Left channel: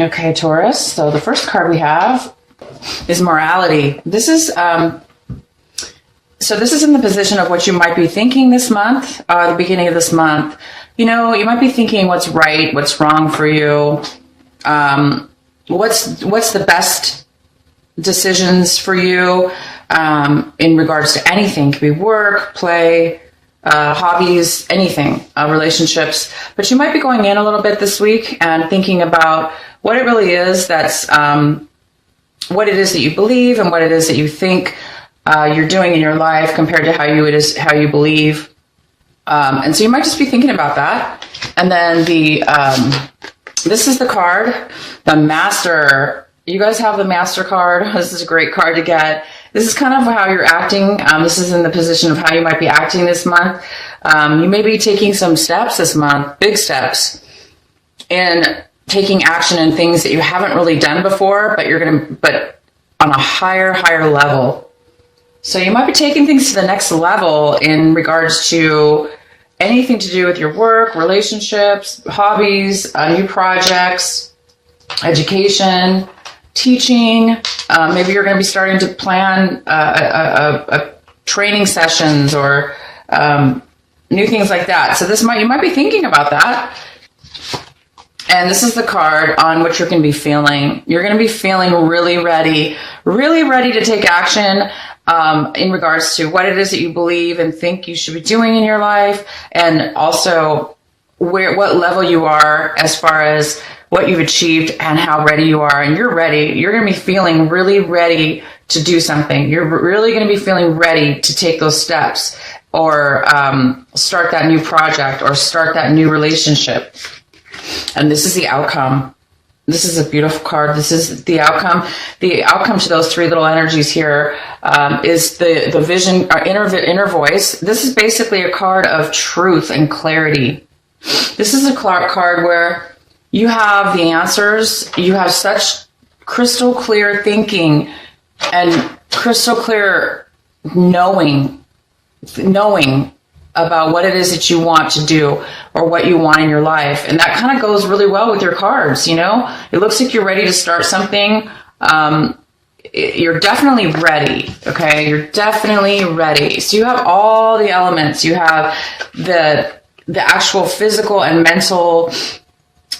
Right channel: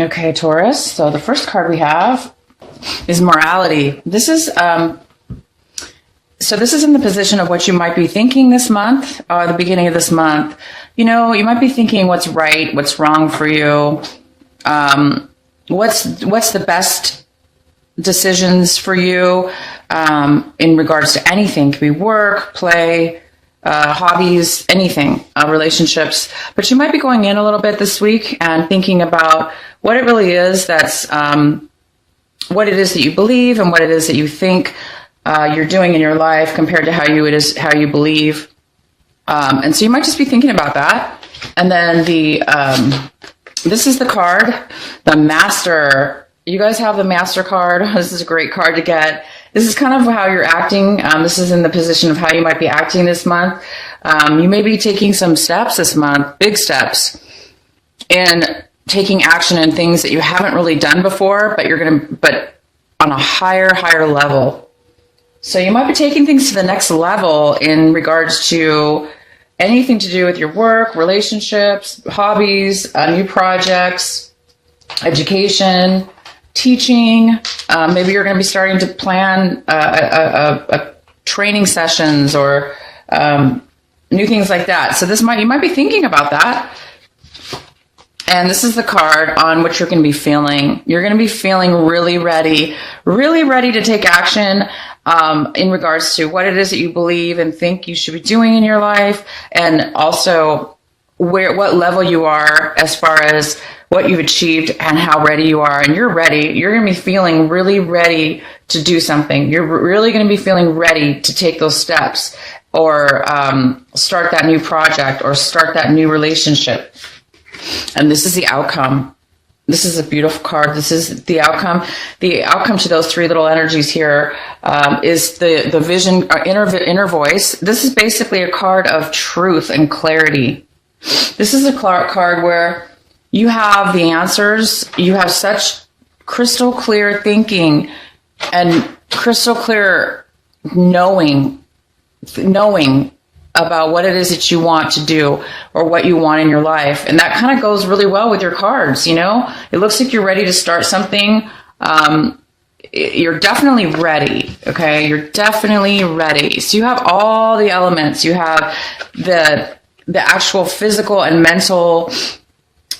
Okay, Taurus. So the first card we have is morality. This is this is in the position of what you might be thinking this month, the beginning of this month. You know, you might be thinking what's right, what's wrong for you, what's the best decisions for you in regards to anything. It could be work, play, hobbies, anything, relationships. But you might be going in a little bit this week and thinking about what it really is that's what it is that you believe and what it is that you think you're doing in your life compared to how you believe. And so you might just be thinking about that. And then this is the card, the Master. You guys have the Master card. This is a great card to get. This is kind of how you're acting. This is in the position of how you might be acting this month. You may be taking some steps this month, big steps, and taking action in things that you haven't really done before, but on a higher level. So you might be taking things to the next level in regards to anything to do with your work, relationships, hobbies, new projects, education, teaching. Maybe you're going to be starting to plan a training sessions or new things like that. So you might be thinking about that. And this is the card on which you're going to be feeling. You're going to be feeling really ready to take action in regards to what it is that you believe and think you should be doing in your life, and also what level you are as far as what you've achieved and how ready you are. And you're ready. You're going to be feeling really ready to do something. You're really going to be feeling ready to take those steps or start that new project or start that new relationship. And this is the outcome. This is a beautiful card. This is the outcome. The outcome to those three little energies here is the vision, or inner voice. This is basically a card of truth and clarity. This is a card where you have the answers. You have such crystal clear thinking and crystal clear knowing about what it is that you want to do or what you want in your life. And that kind of goes really well with your cards, you know? It looks like you're ready to start something. You're definitely ready, okay? You're definitely ready. So you have all the elements. You have the actual physical and mental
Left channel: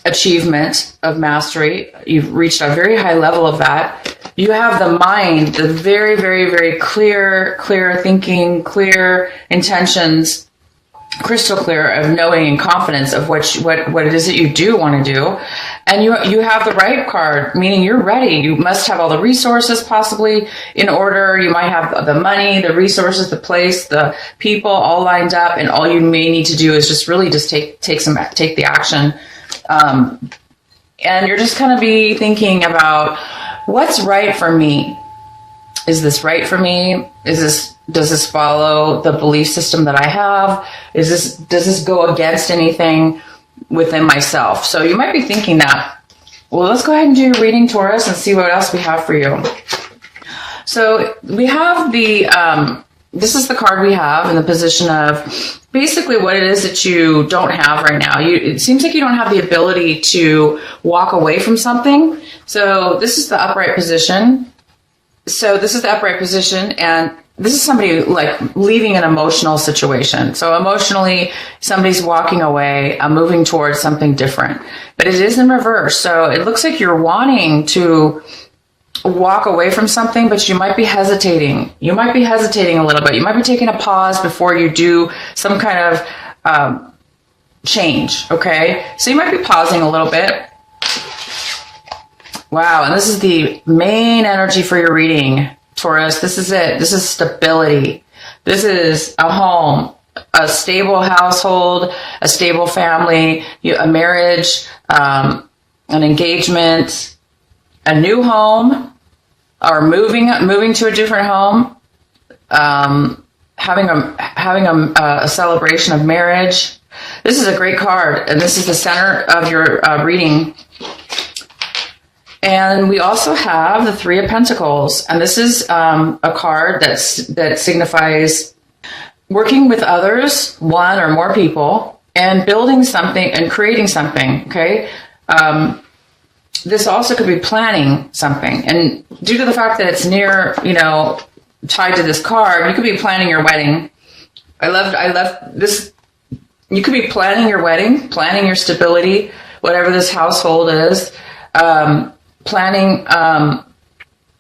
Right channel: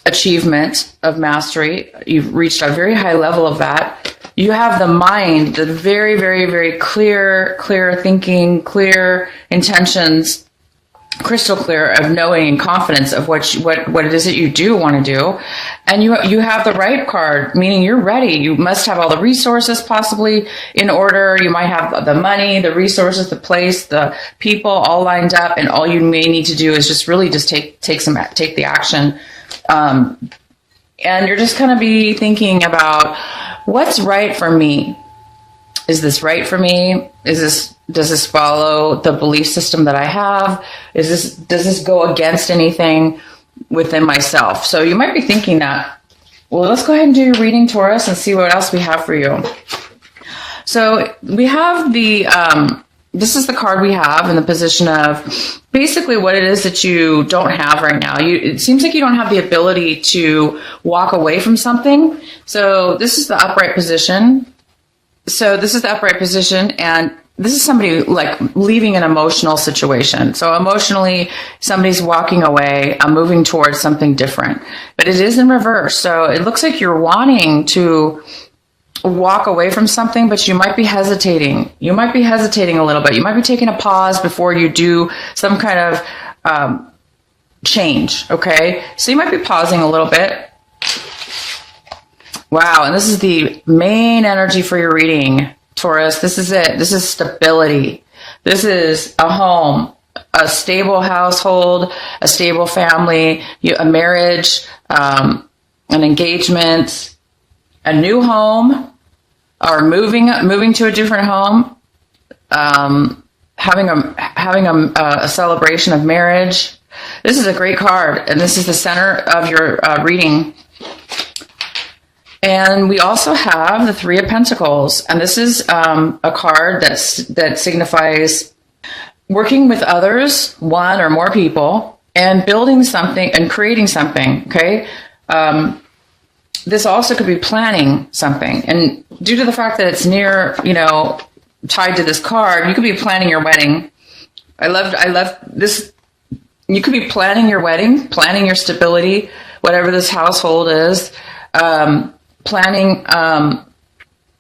achievement of mastery. You've reached a very high level of that. You have the mind, the very, very, very clear thinking, clear intentions, crystal clear of knowing and confidence of what it is that you do want to do. And you have the right card, meaning you're ready. You must have all the resources possibly in order. You might have the money, the resources, the place, the people all lined up. And all you may need to do is just really just take the action. And you're just going to be thinking about what's right for me. Is this right for me? Does this follow the belief system that I have? Does this go against anything within myself? So you might be thinking that. Well, let's go ahead and do your reading, Taurus, and see what else we have for you. So we have this is the card we have in the position of basically what it is that you don't have right now. It seems like you don't have the ability to walk away from something. So this is the upright position. And this is somebody like leaving an emotional situation. So emotionally, somebody's walking away, moving towards something different. But it is in reverse. So it looks like you're wanting to walk away from something, but you might be hesitating. You might be hesitating a little bit. You might be taking a pause before you do some kind of change, okay? So you might be pausing a little bit. Wow, and this is the main energy for your reading, Taurus. This is it. This is stability. This is a home, a stable household, a stable family, a marriage, an engagement, a new home, or moving to a different home, having a celebration of marriage. This is a great card, and this is the center of your reading. And we also have the Three of Pentacles, and this is a card that signifies working with others, one or more people, and building something and creating something. Okay. this also could be planning something. And due to the fact that it's near, tied to this card, you could be planning your wedding. I love this. You could be planning your wedding, planning your stability, whatever this household is. Planning,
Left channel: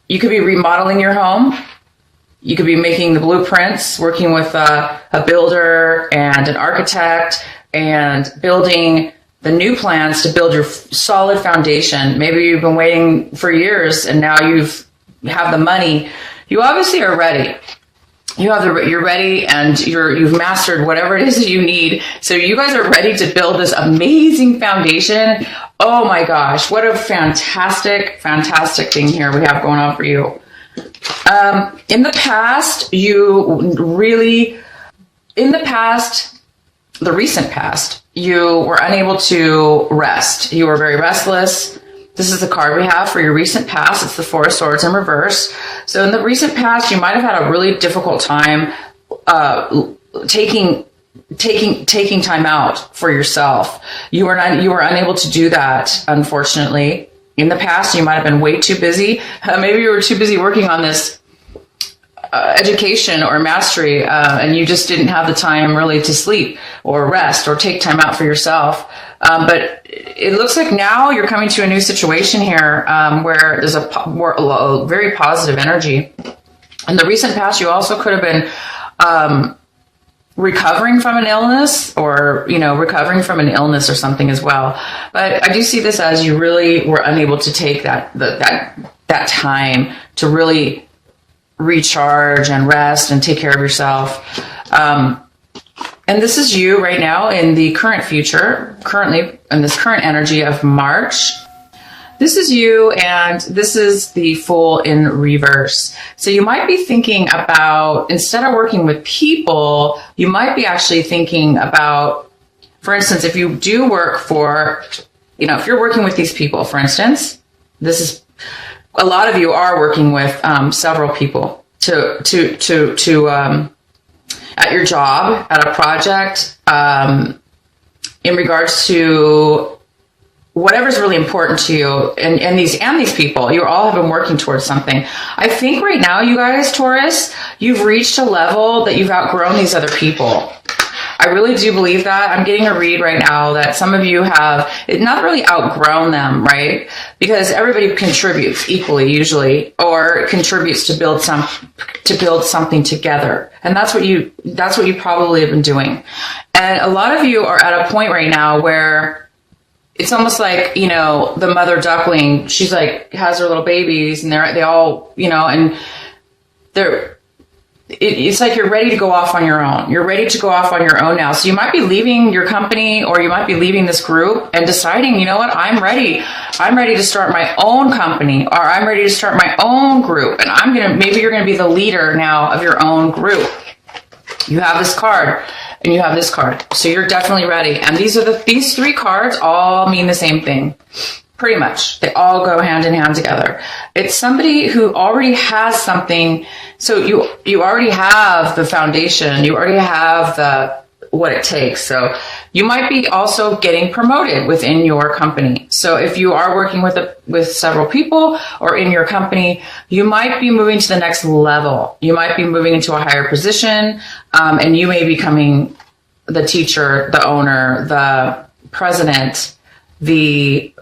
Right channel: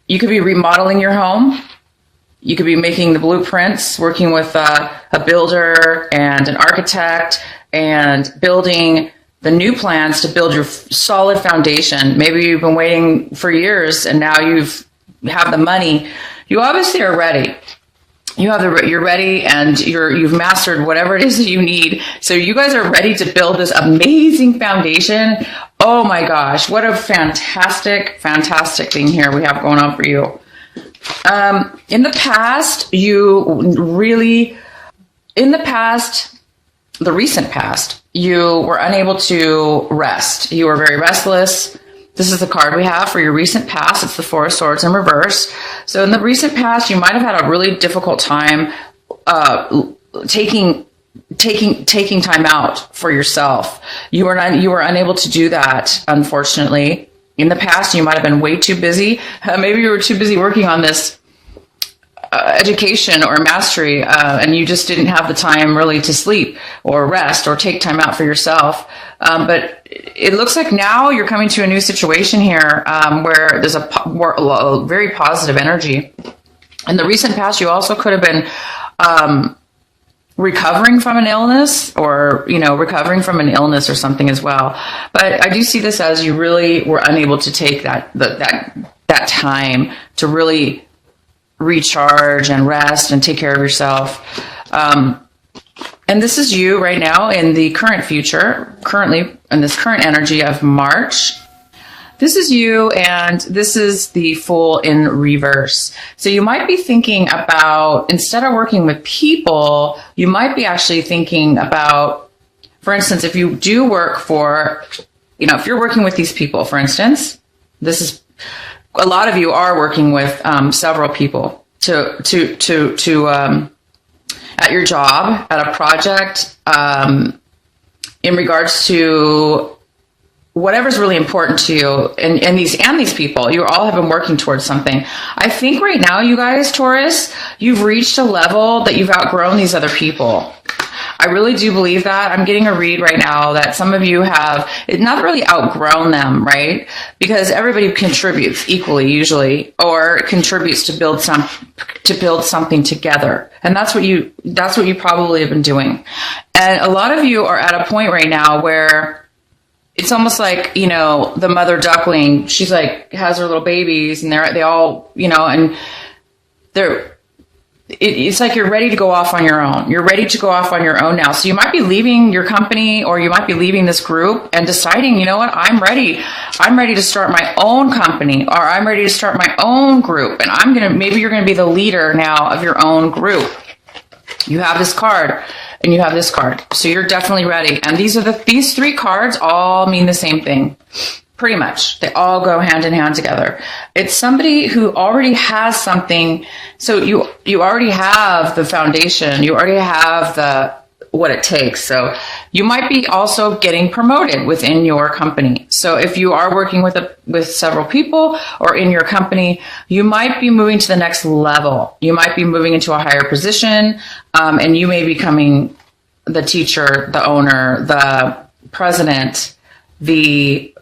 you could be remodeling your home. You could be making the blueprints, working with a builder and an architect, and building the new plans to build your solid foundation. Maybe you've been waiting for years and now you have the money. You obviously are ready. You're ready, and you've mastered whatever it is that you need. So you guys are ready to build this amazing foundation. Oh my gosh, what a fantastic thing here we have going on for you. In the past, the recent past, you were unable to rest. You were very restless. This is the card we have for your recent past. It's the Four of Swords in reverse. So in the recent past, you might have had a really difficult time taking time out for yourself. You were unable to do that, unfortunately. In the past, you might have been way too busy. Maybe you were too busy working on this education or mastery, and you just didn't have the time really to sleep or rest or take time out for yourself. But it looks like now you're coming to a new situation here where there's a very positive energy. In the recent past, you also could have been recovering from an illness, or recovering from an illness or something as well. But I do see this as you really were unable to take that time to really recharge and rest and take care of yourself. And this is you right now in the currently in this current energy of March. This is you, and this is the Fool in reverse. So you might be thinking about, instead of working with people, you might be actually thinking about, for instance, if you do work for, if you're working with these people, for instance, this is, a lot of you are working with several people to at your job, at a project, in regards to whatever's really important to you, and these people, you all have been working towards something. I think right now, you guys, Taurus, you've reached a level that you've outgrown these other people. I really do believe that. I'm getting a read right now that some of you have not really outgrown them, right? Because everybody contributes equally, usually, or contributes to build something together. And that's what you probably have been doing. And a lot of you are at a point right now where it's almost like, the mother duckling, she's like, has her little babies, and they all, and it's like you're ready to go off on your own. You're ready to go off on your own now. So you might be leaving your company, or you might be leaving this group and deciding, you know what, I'm ready. I'm ready to start my own company, or I'm ready to start my own group. And maybe you're going to be the leader now of your own group. You have this card. And you have this card. So you're definitely ready. And these three cards all mean the same thing. Pretty much. They all go hand in hand together. It's somebody who already has something. So you already have the foundation. You already have what it takes. So you might be also getting promoted within your company. So if you are working with several people or in your company, you might be moving to the next level. You might be moving into a higher position, and you may be becoming the teacher, the owner, the president, the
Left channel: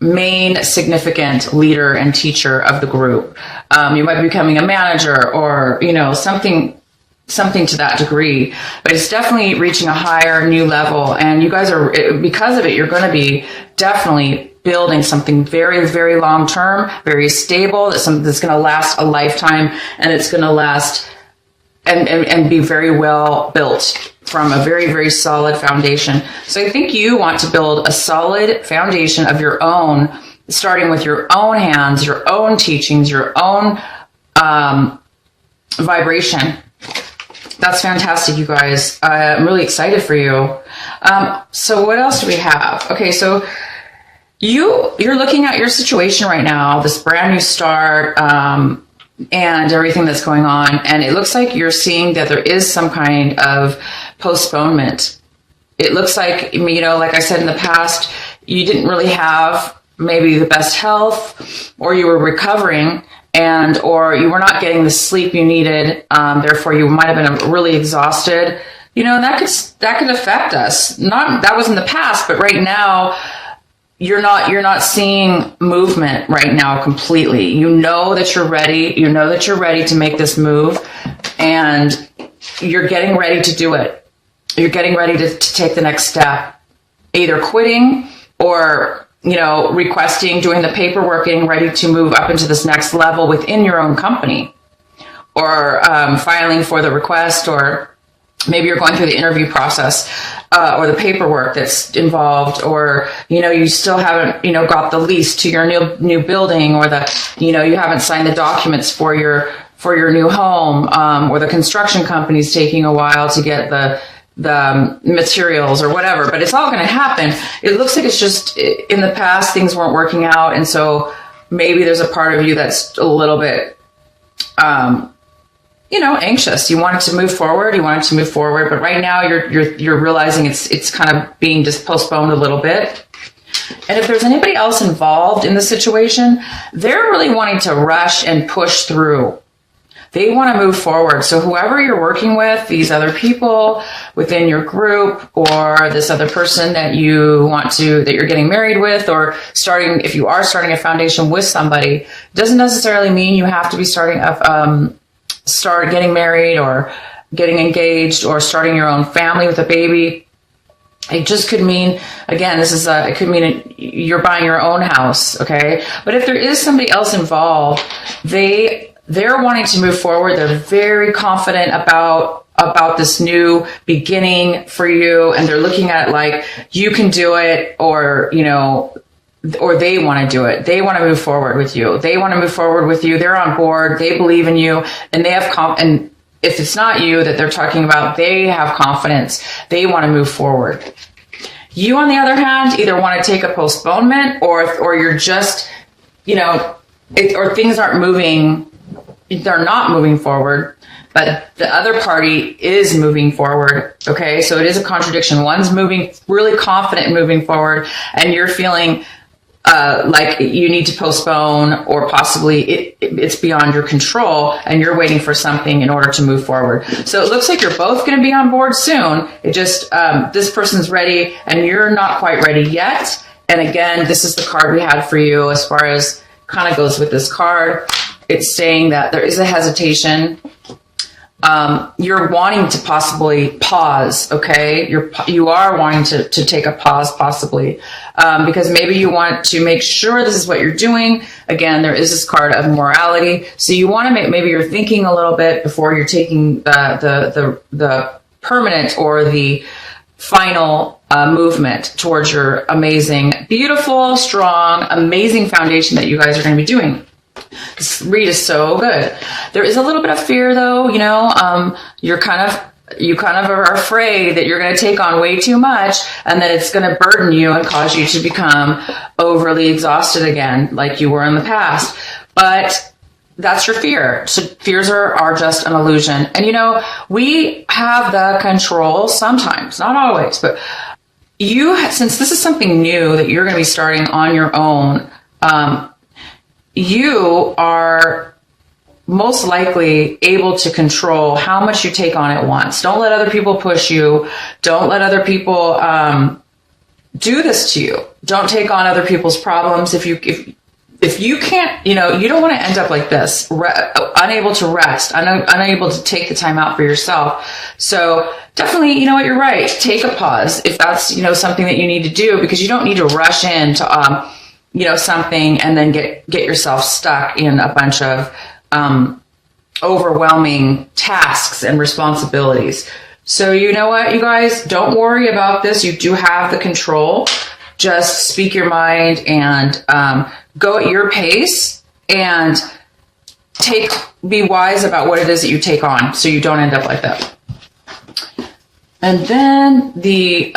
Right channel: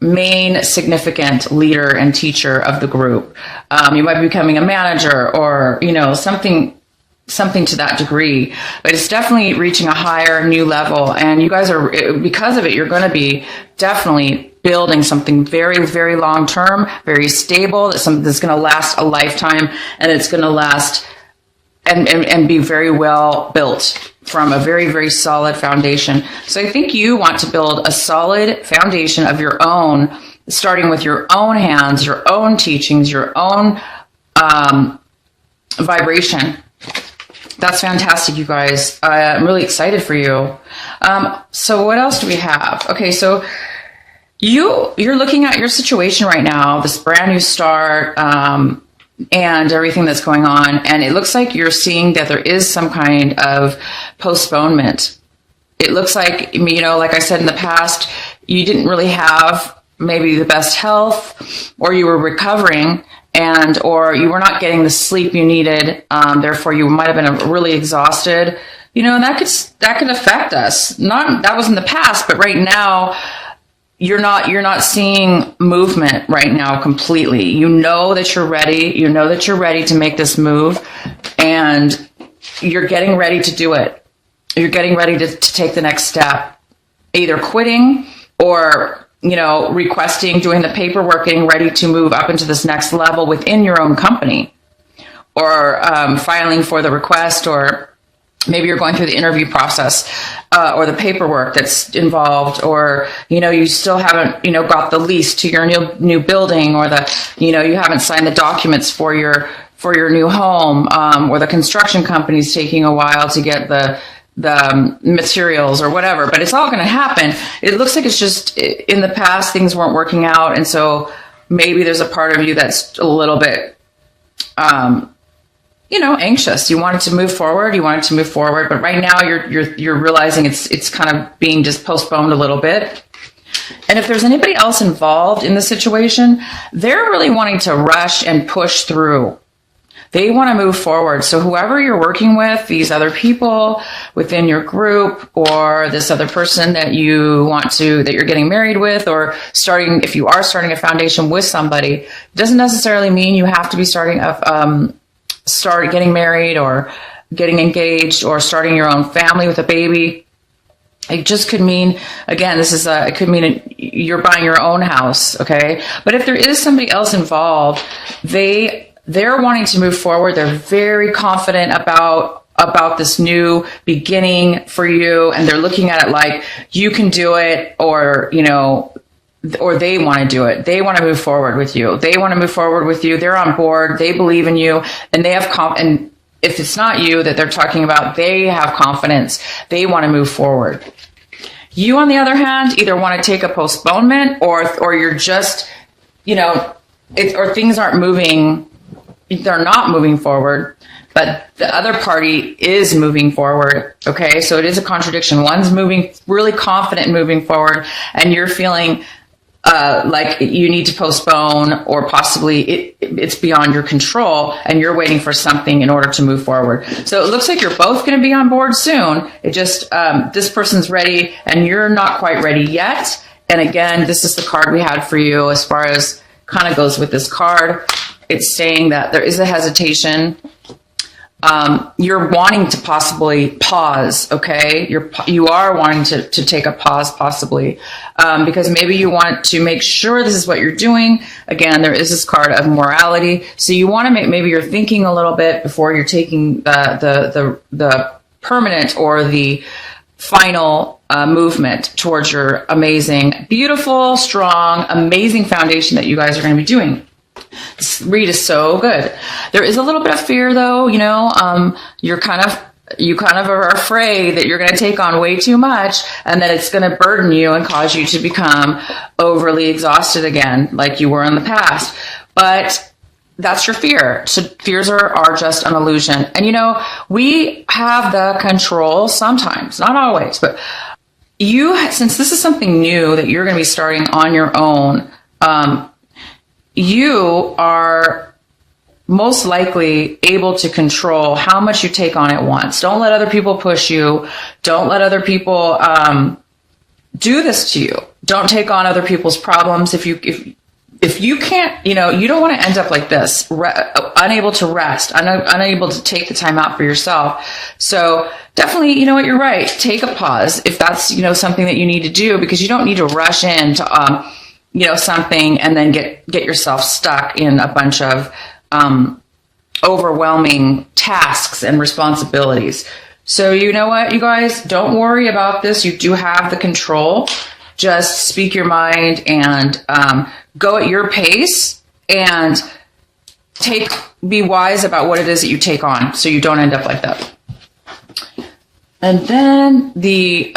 main significant leader and teacher of the group. You might be becoming a manager, or, something to that degree, but it's definitely reaching a higher new level. And you guys because of it, you're going to be definitely building something very, very long term, very stable, that's going to last a lifetime, and it's going to last and be very well built from a very, very solid foundation. So I think you want to build a solid foundation of your own, starting with your own hands, your own teachings, your own vibration. That's fantastic, you guys. I'm really excited for you. So what else do we have? Okay, so you're looking at your situation right now, this brand new start, and everything that's going on, and it looks like you're seeing that there is some kind of postponement. It looks like, like I said in the past, you didn't really have maybe the best health, or you were recovering, or you were not getting the sleep you needed. Therefore, you might have been really exhausted. That could affect us. That was in the past, but right now, you're not seeing movement right now completely. You know that you're ready. You know that you're ready to make this move, and you're getting ready to do it. You're getting ready to take the next step, either quitting or, requesting, doing the paperwork, getting ready to move up into this next level within your own company, or filing for the request, or maybe you're going through the interview process, or the paperwork that's involved, or, you still haven't, got the lease to your new building, or you haven't signed the documents for your new home, or the construction company's taking a while to get the materials or whatever, but it's all going to happen. It looks like it's just in the past, things weren't working out. And so maybe there's a part of you that's a little bit, anxious. You wanted to move forward. But right now you're realizing it's kind of being just postponed a little bit. And if there's anybody else involved in the situation, they're really wanting to rush and push through. They want to move forward. So whoever you're working with, these other people within your group, or this other person that you're getting married with, or if you are starting a foundation with somebody, doesn't necessarily mean you have to be start getting married or getting engaged or starting your own family with a baby. It just could mean, again, it could mean you're buying your own house. Okay. But if there is somebody else involved, they're wanting to move forward. They're very confident about this new beginning for you. And they're looking at it like you can do it, or they want to do it. They want to move forward with you. They're on board. They believe in you, and they have and if it's not you that they're talking about, they have confidence. They want to move forward. You, on the other hand, either want to take a postponement, or you're just, or things aren't moving. They're not moving forward, but the other party is moving forward. Okay. So it is a contradiction. One's really confident in moving forward, and you're feeling like you need to postpone, or possibly it's beyond your control, and you're waiting for something in order to move forward. So it looks like you're both going to be on board soon. It just, this person's ready and you're not quite ready yet. And again, this is the card we had for you as far as kind of goes with this card. It's saying that there is a hesitation. You're wanting to possibly pause, okay? You are wanting to take a pause possibly, because maybe you want to make sure this is what you're doing. Again, there is this card of morality. So you want to maybe you're thinking a little bit before you're taking the permanent or the final movement towards your amazing, beautiful, strong, amazing foundation that you guys are going to be doing. This read is so good. There is a little bit of fear though, you kind of are afraid that you're going to take on way too much, and then it's going to burden you and cause you to become overly exhausted again, like you were in the past. But that's your fear. So fears are just an illusion. And we have the control sometimes, not always, but since this is something new that you're going to be starting on your own, you are most likely able to control how much you take on at once. Don't let other people push you. Don't let other people do this to you. Don't take on other people's problems. If you can't, you don't want to end up like this, unable to rest, unable to take the time out for yourself. So definitely, you're right. Take a pause if that's, something that you need to do, because you don't need to rush into, something and then get yourself stuck in a bunch of overwhelming tasks and responsibilities. So you know what, you guys, don't worry about this. You do have the control. Just speak your mind and go at your pace, and be wise about what it is that you take on, so you don't end up like that. And then the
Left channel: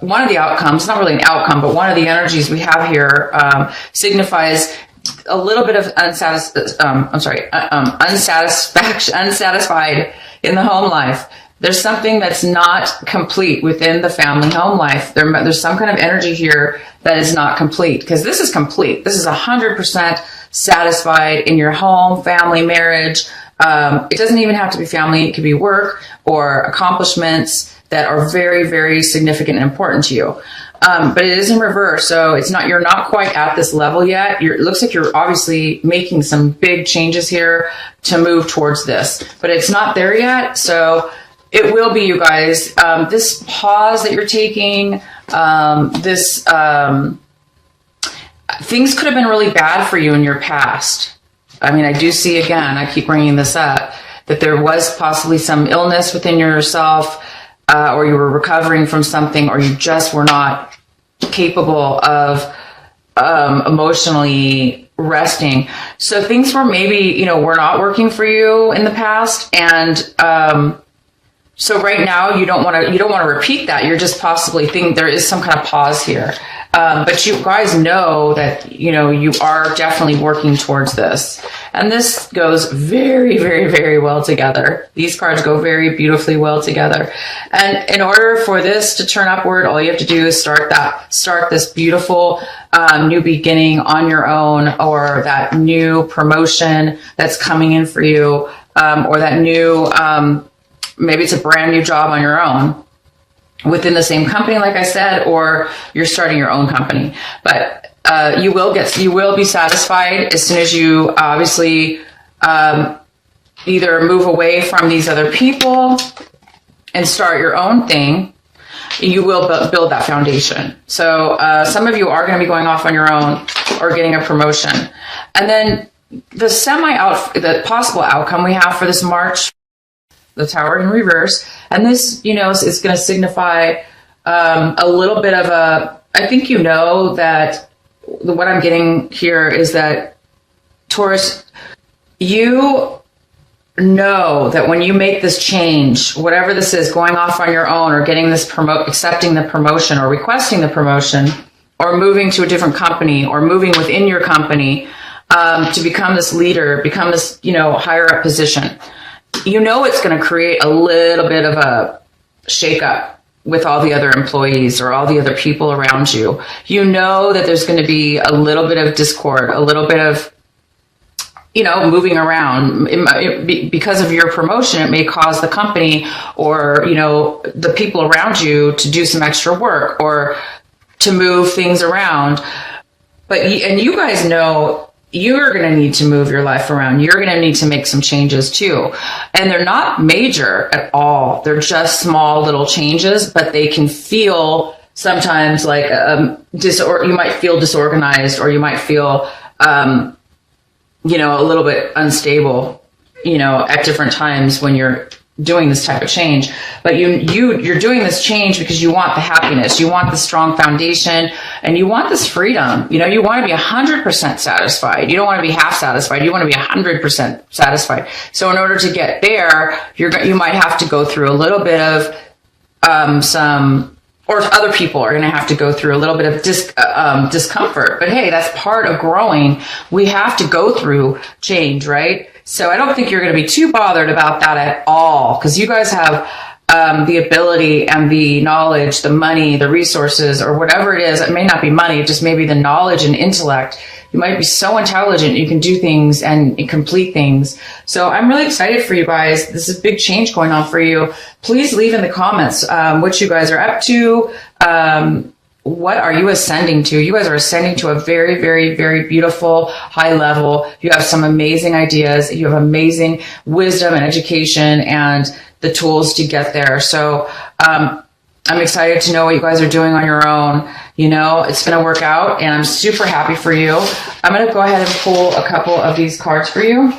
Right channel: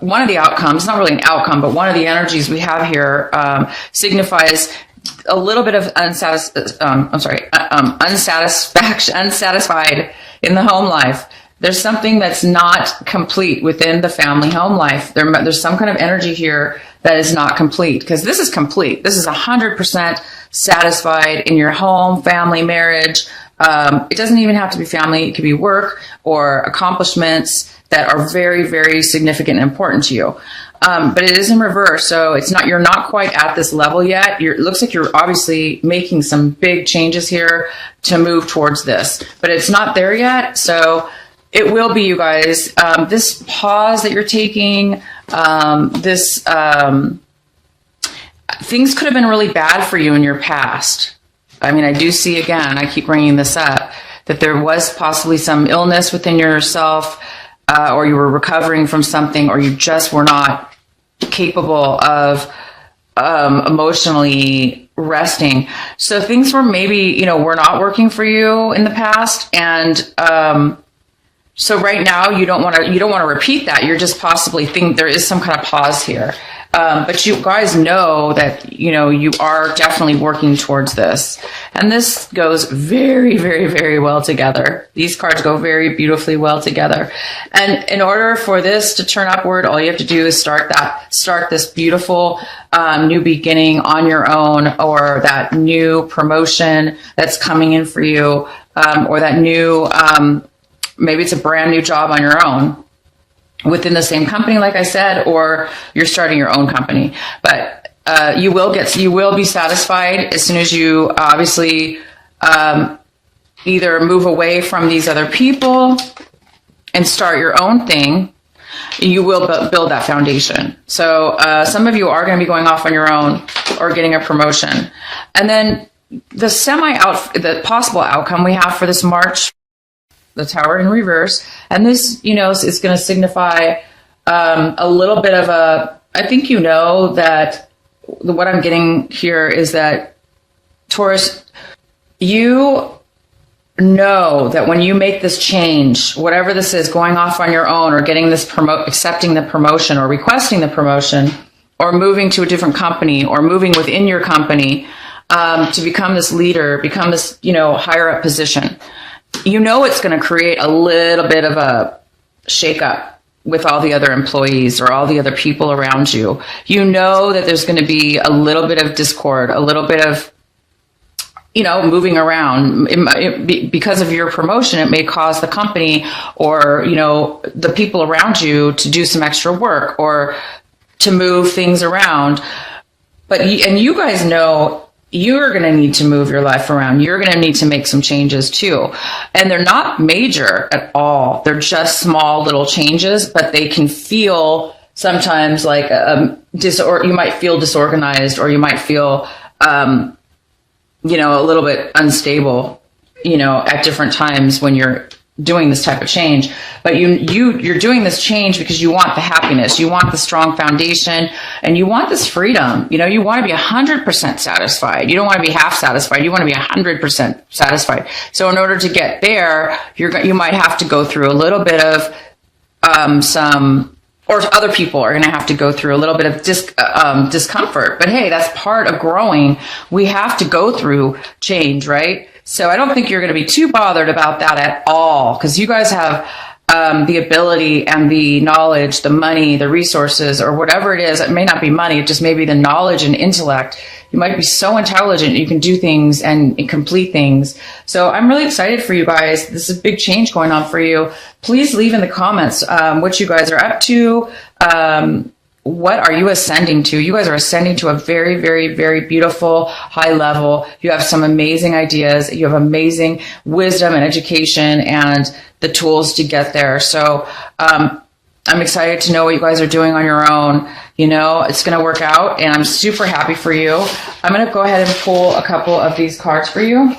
one of the outcomes, not really an outcome, but one of the energies we have here signifies a little bit of unsatisfied in the home life. There's something that's not complete within the family home life. There's some kind of energy here that is not complete, because this is complete. This is 100% satisfied in your home, family, marriage. It doesn't even have to be family. It could be work or accomplishments that are very, very significant and important to you. But it is in reverse. So you're not quite at this level yet. It looks like you're obviously making some big changes here to move towards this, but it's not there yet. So it will be, you guys. This pause that you're taking, things could have been really bad for you in your past. I mean, I do see, again, I keep bringing this up, that there was possibly some illness within yourself, or you were recovering from something, or you just were not capable of emotionally resting. So things were maybe, were not working for you in the past. And so right now you don't want to repeat that. You're just possibly think there is some kind of pause here. But you guys know that, you are definitely working towards this. And this goes very, very, very well together. These cards go very beautifully well together. And in order for this to turn upward, all you have to do is start this beautiful new beginning on your own, or that new promotion that's coming in for you, or that new, maybe it's a brand new job on your own, within the same company, like I said, or you're starting your own company. But you will be satisfied as soon as you obviously either move away from these other people and start your own thing. You will build that foundation. So some of you are going to be going off on your own or getting a promotion. And then the possible outcome we have for this March, the Tower in reverse. And this, is going to signify a little bit of I think that what I'm getting here is that, Taurus, you know that when you make this change, whatever this is, going off on your own, or getting this accepting the promotion, or requesting the promotion, or moving to a different company, or moving within your company to become this leader, become this, higher up position, it's going to create a little bit of a shakeup with all the other employees or all the other people around you. That there's going to be a little bit of discord, a little bit of, moving around. Because of your promotion, it may cause the company or, the people around you to do some extra work or to move things around. And you guys know, you're going to need to move your life around. You're going to need to make some changes too. And they're not major at all. They're just small little changes, but they can feel sometimes like, you might feel disorganized, or you might feel, a little bit unstable, at different times when you're doing this type of change. But you're doing this change because you want the happiness, you want the strong foundation, and you want this freedom. You want to be 100% satisfied. You don't want to be half satisfied. You want to be 100% satisfied. So in order to get there, you might have to go through a little bit of or other people are going to have to go through a little bit of discomfort. But hey, that's part of growing. We have to go through change, right? So I don't think you're going to be too bothered about that at all, because you guys have the ability and the knowledge, the money, the resources, or whatever it is. It may not be money, it just may be the knowledge and intellect. You might be so intelligent, you can do things and complete things. So I'm really excited for you guys. This is a big change going on for you. Please leave in the comments what you guys are up to. What are you ascending to? You guys are ascending to a very, very, very beautiful high level. You have some amazing ideas. You have amazing wisdom and education and the tools to get there. So I'm excited to know what you guys are doing on your own. It's going to work out, and I'm super happy for you. I'm going to go ahead and pull a couple of these cards for you.